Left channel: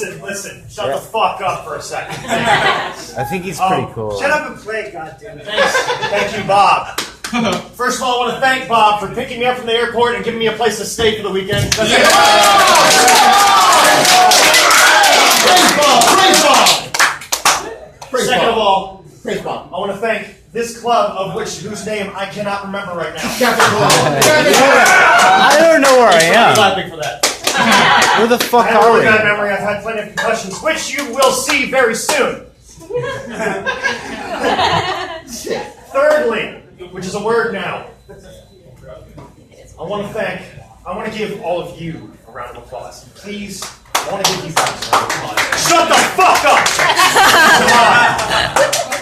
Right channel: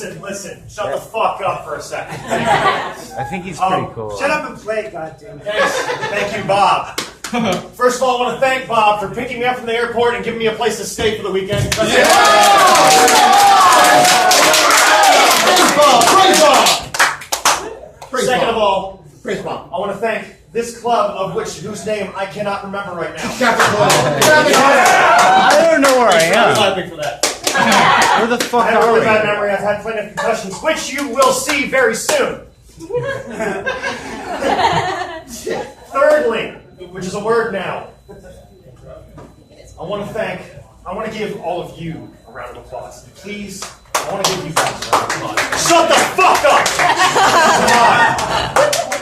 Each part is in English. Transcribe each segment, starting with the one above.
Listen. Shut the fuck up for a second. I think he's pretty cool. Shut up and play, goddammit. Thank you, Bob. First of all, I want to thank Bob for picking me up from the airport and giving me a place to stay for the weekend. Praise Bob! Second of all, Praise Bob. I want to thank this club, whose name I cannot remember right now. I don't know where I am. Clapping for that. Where the fuck I have a are really you? bad memory. I've had plenty of concussions, which you will see very soon. Thirdly, which is a word now, I want to give all of you a round of applause. Please, I want to give you guys a round of applause. Shut the fuck up! Come on.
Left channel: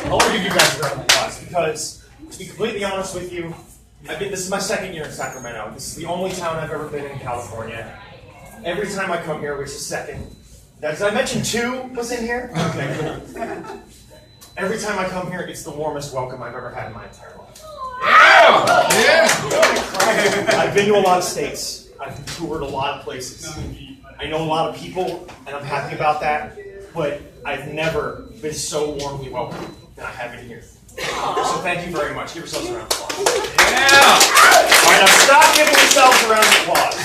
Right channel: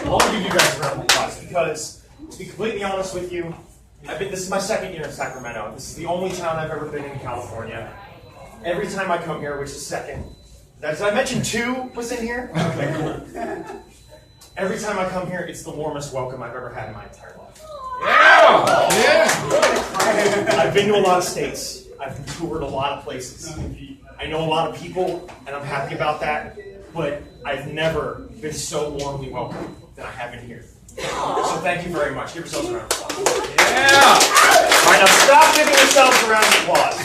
I want to give you guys a round of applause because, to be completely honest with you, this is my second year in Sacramento. This is the only town I've ever been in California. Every time I come here, which is second, did I mention 2 was in here? Okay, cool. Every time I come here, it's the warmest welcome I've ever had in my entire life. Yeah! I've been to a lot of states. I've toured a lot of places. I know a lot of people, and I'm happy about that, but I've never been so warmly welcomed than I have in here. So thank you very much. Give yourselves a round of applause. Yeah! All right, now stop giving yourselves a round of applause.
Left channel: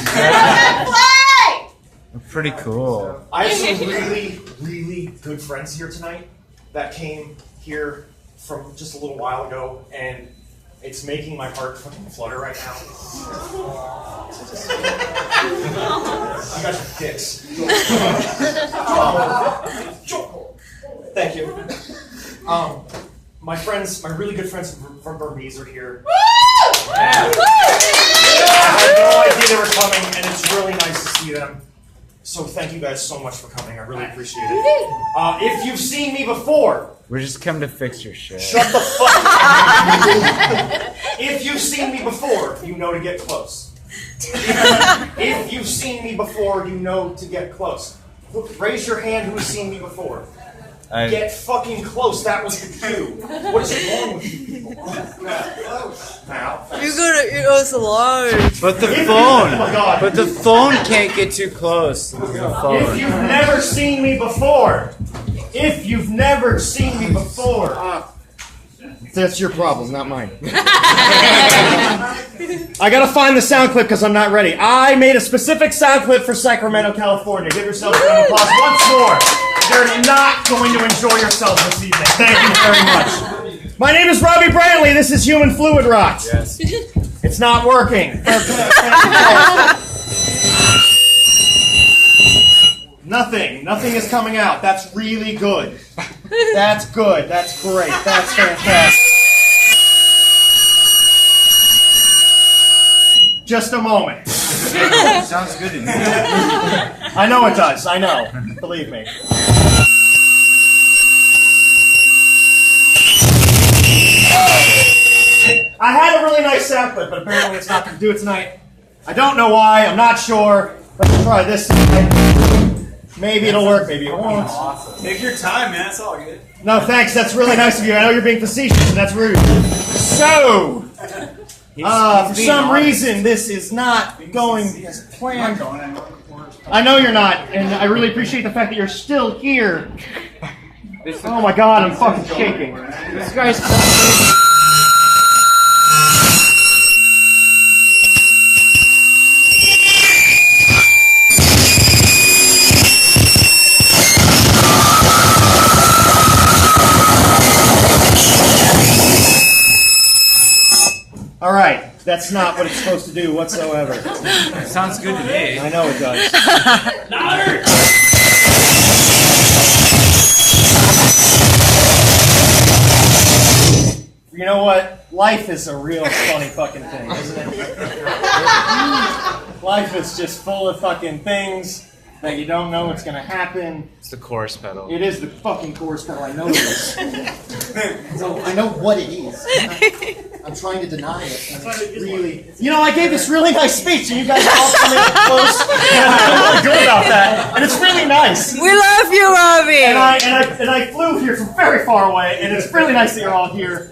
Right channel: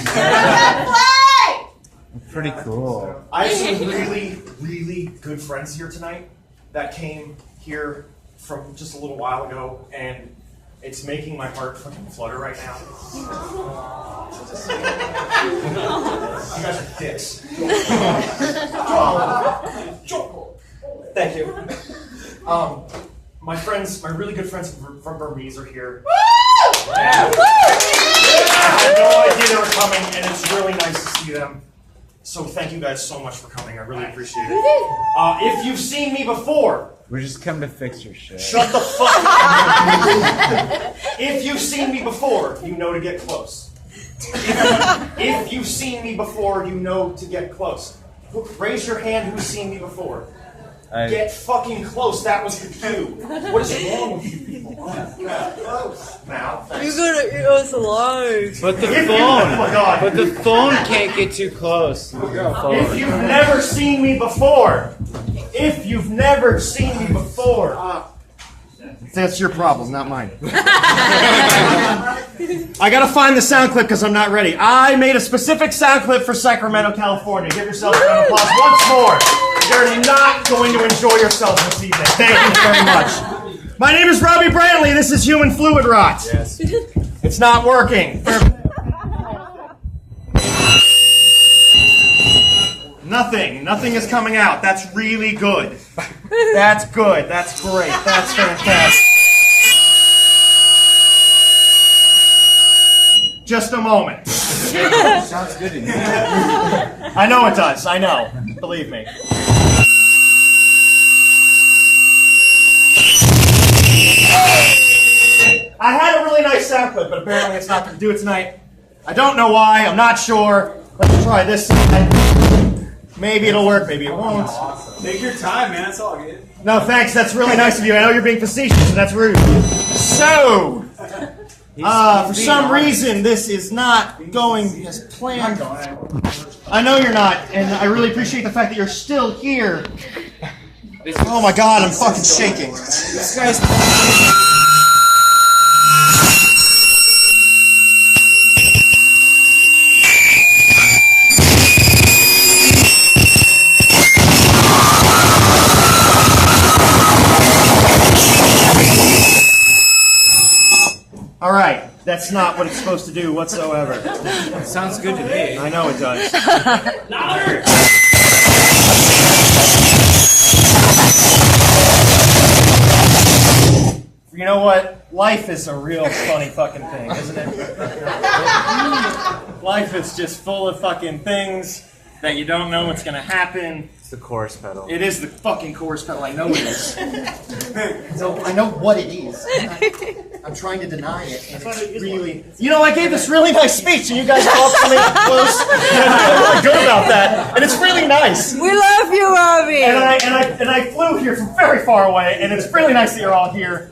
Pretty cool. I have some really, really good friends here tonight that came here from just a little while ago, and it's making my heart fucking flutter right now. You guys are dicks. Thank you. My really good friends from Burmese are here. I had no idea they were coming, and it's really nice to see them. So thank you guys so much for coming. I really appreciate it. If you've seen me before, We're just coming to fix your shit. shut the fuck up. If you've seen me before, you know to get close. If you've seen me before, you know to get close. Raise your hand who's seen me before. Get fucking close. That was the cue. What is wrong with you people? Now, You gotta eat us alive. But the oh phone. my God. But the phone can't get too close. If you've never seen me before, that's your problem, not mine. I gotta find the sound clip because I'm not ready. I made a specific sound clip for Sacramento, California. Give yourselves a round of applause once more. You're not going to enjoy yourselves this evening. Thank you very much. My name is Robbie Brantley. This is Humanfluidrot. Yes. It's not working. Nothing is coming out. That's really good. That's good. That's great. That's fantastic. Just a moment. Sounds good to me. I know it does. I know. Believe me. I had a really nice sound clip, but apparently it's not going to do it tonight. I don't know why. I'm not sure. Let's try this. Maybe it'll work. Maybe it won't. Take your time, man. It's all good. No, thanks. That's really nice of you. I know you're being facetious, and that's rude. So, for some reason, this is not going as planned. I know you're not, and I really appreciate the fact that you're still here. Oh my God, I'm fucking shaking. This guy's... All right, that's not what it's supposed to do whatsoever. That sounds good to me. I know it does. You know what? Life is a real funny fucking thing, isn't it? Life is just full of fucking things that you don't know what's going to happen. It's the chorus pedal. It is the fucking chorus pedal. I know it is. So I know what it is. I'm trying to deny it. And it's really, you know, I gave this really nice speech, and you guys are all coming up close. And I don't know what to do about that. And it's really nice. We love you, Robbie. And I flew here from very far away, and it's really nice that you're all here.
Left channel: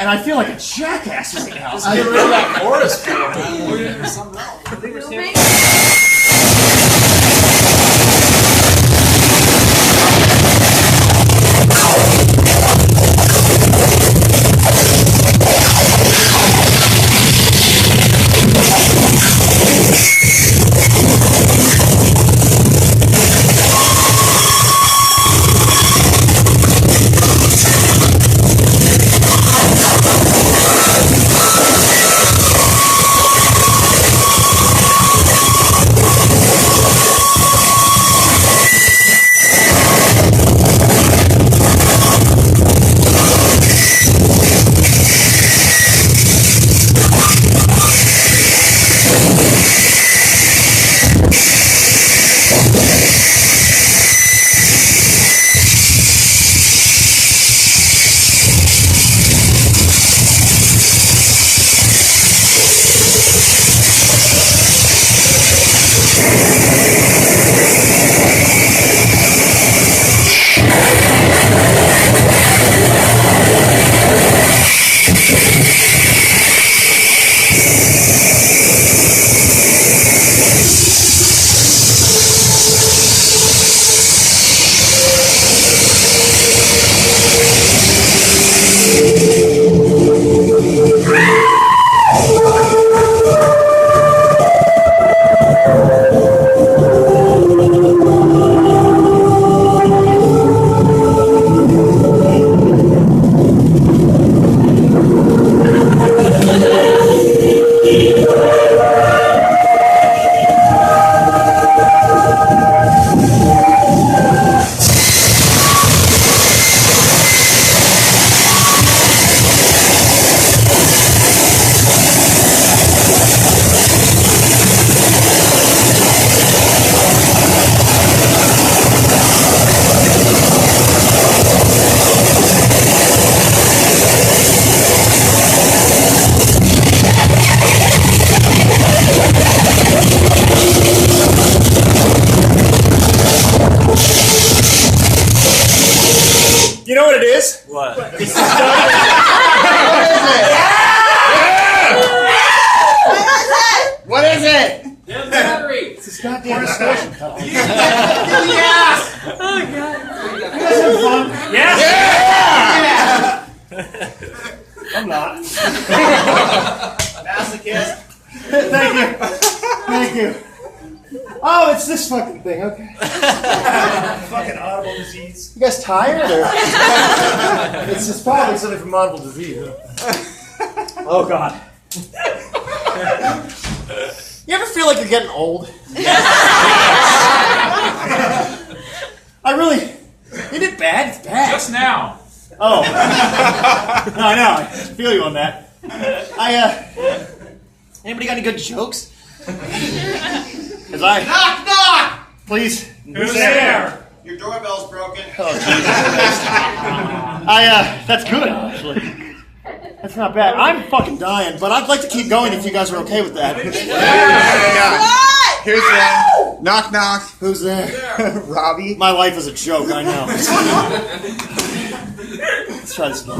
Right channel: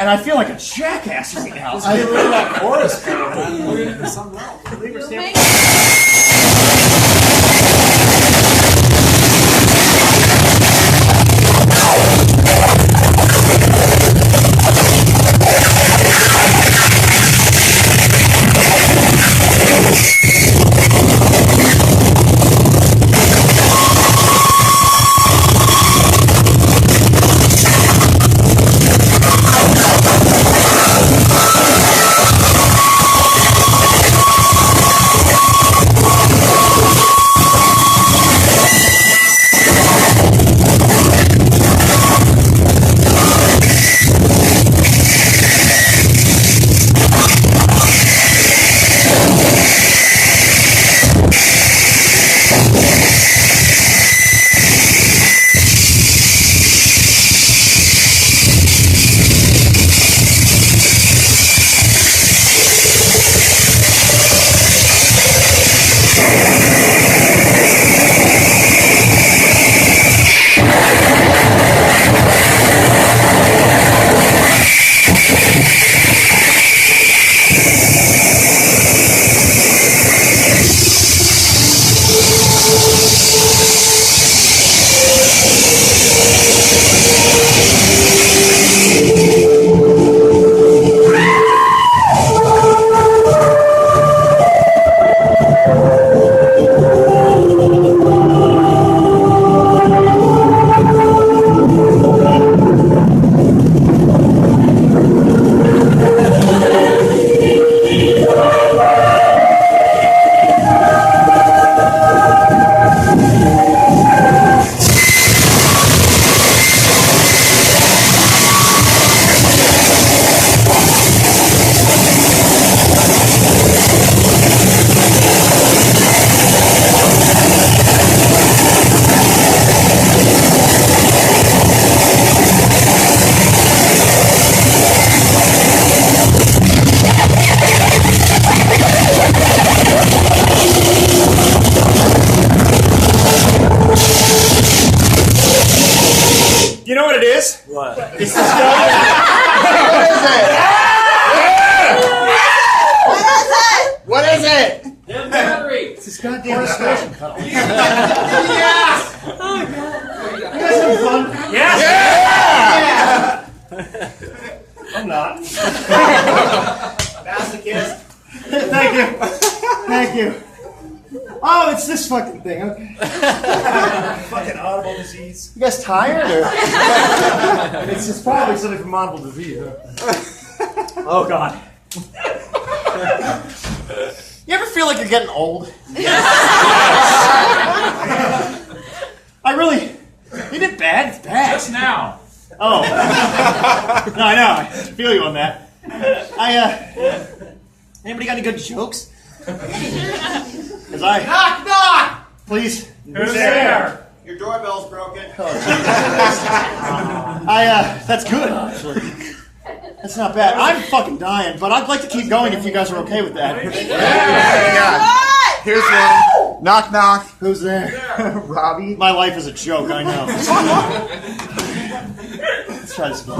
And I feel like a jackass right now. I really that chorus pedal, man. We're gonna do something else. distortion pedal. Yes! Oh, God. You guys having fun? Yeah! I'm not. Masochist. Thank you. Thank you. Oh, it's this fucking thing. Okay. Fucking audible disease. You guys tired? Or? It's just probably something from audible disease. Oh, God. You ever feel like you're getting old? Yes. I really... Ain't it bad? It's bad. Just now. Oh. No, I know. I feel you on that. Anybody got any good jokes? Because Knock, knock! Please. Who's there? Your doorbell's broken. Oh, Jesus Christ. That's good, actually. That's not bad. I'm fucking dying, but I'd like to keep going if you guys are okay with that. Here's the knock, knock. Who's there? Robbie. My life is a joke, I know. Let's try this again.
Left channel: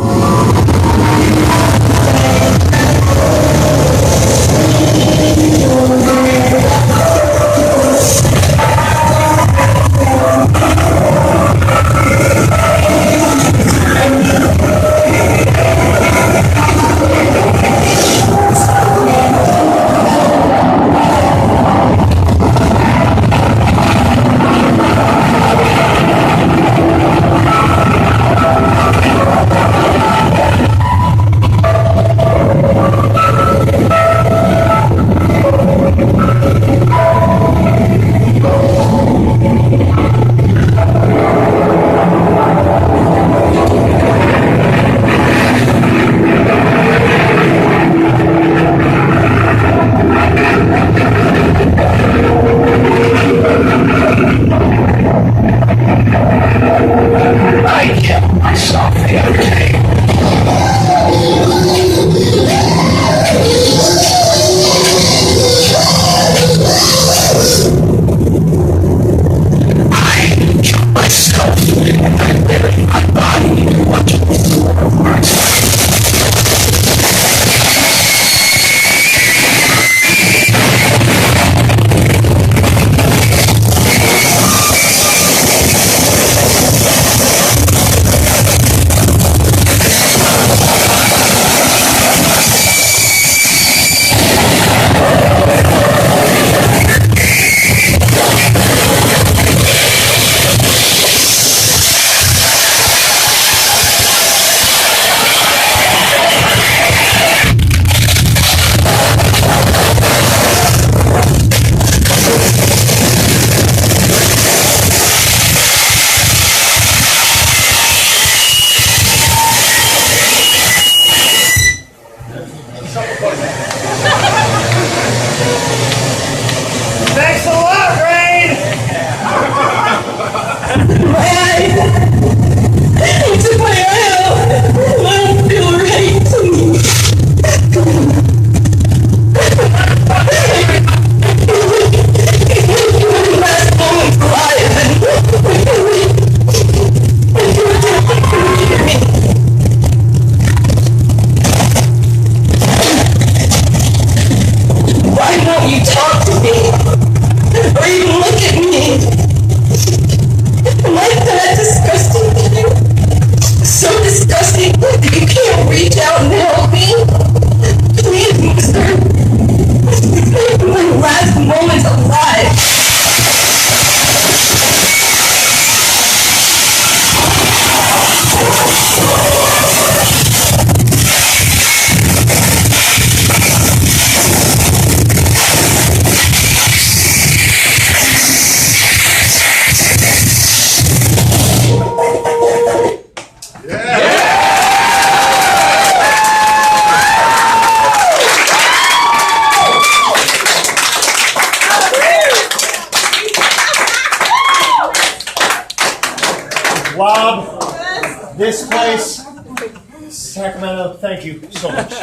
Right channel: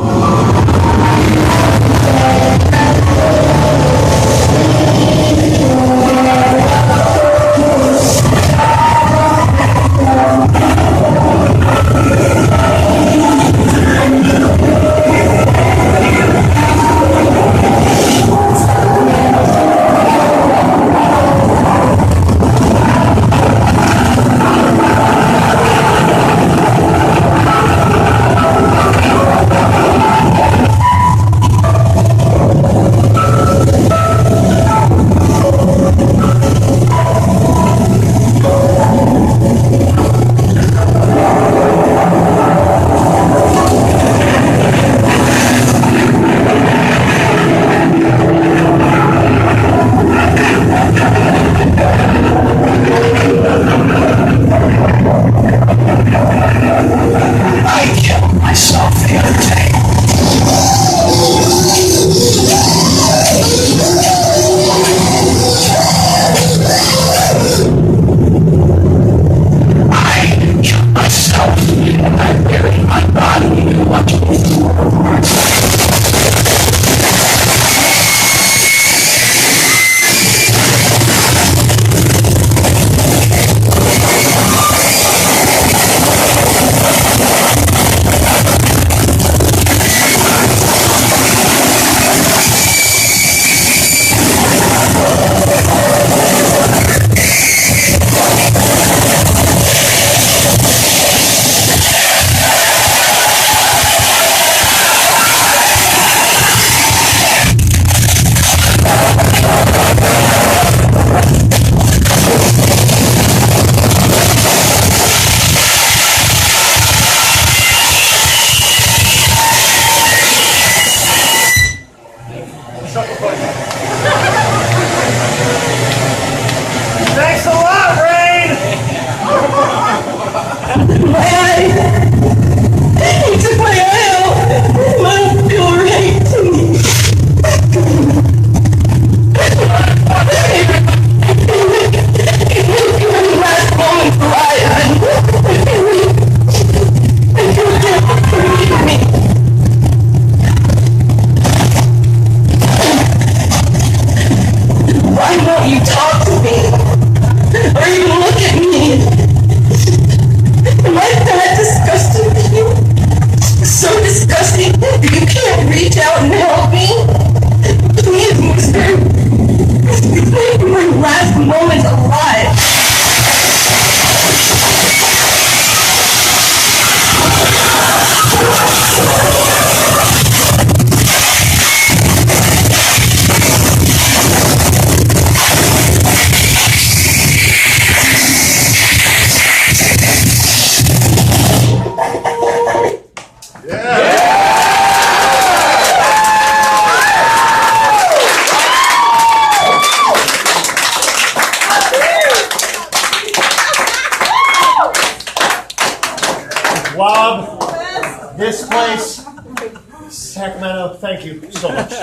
Thanks a lot, Rain! He took my eye out. I don't feel right. Last moment's alive. Why won't you talk to me? Or even look at me? Am I that disgusting to you? So disgusting that you can't reach out and help me? Please, mister. Make my last moment alive. Rob, this place, Sacramento, thank you so much.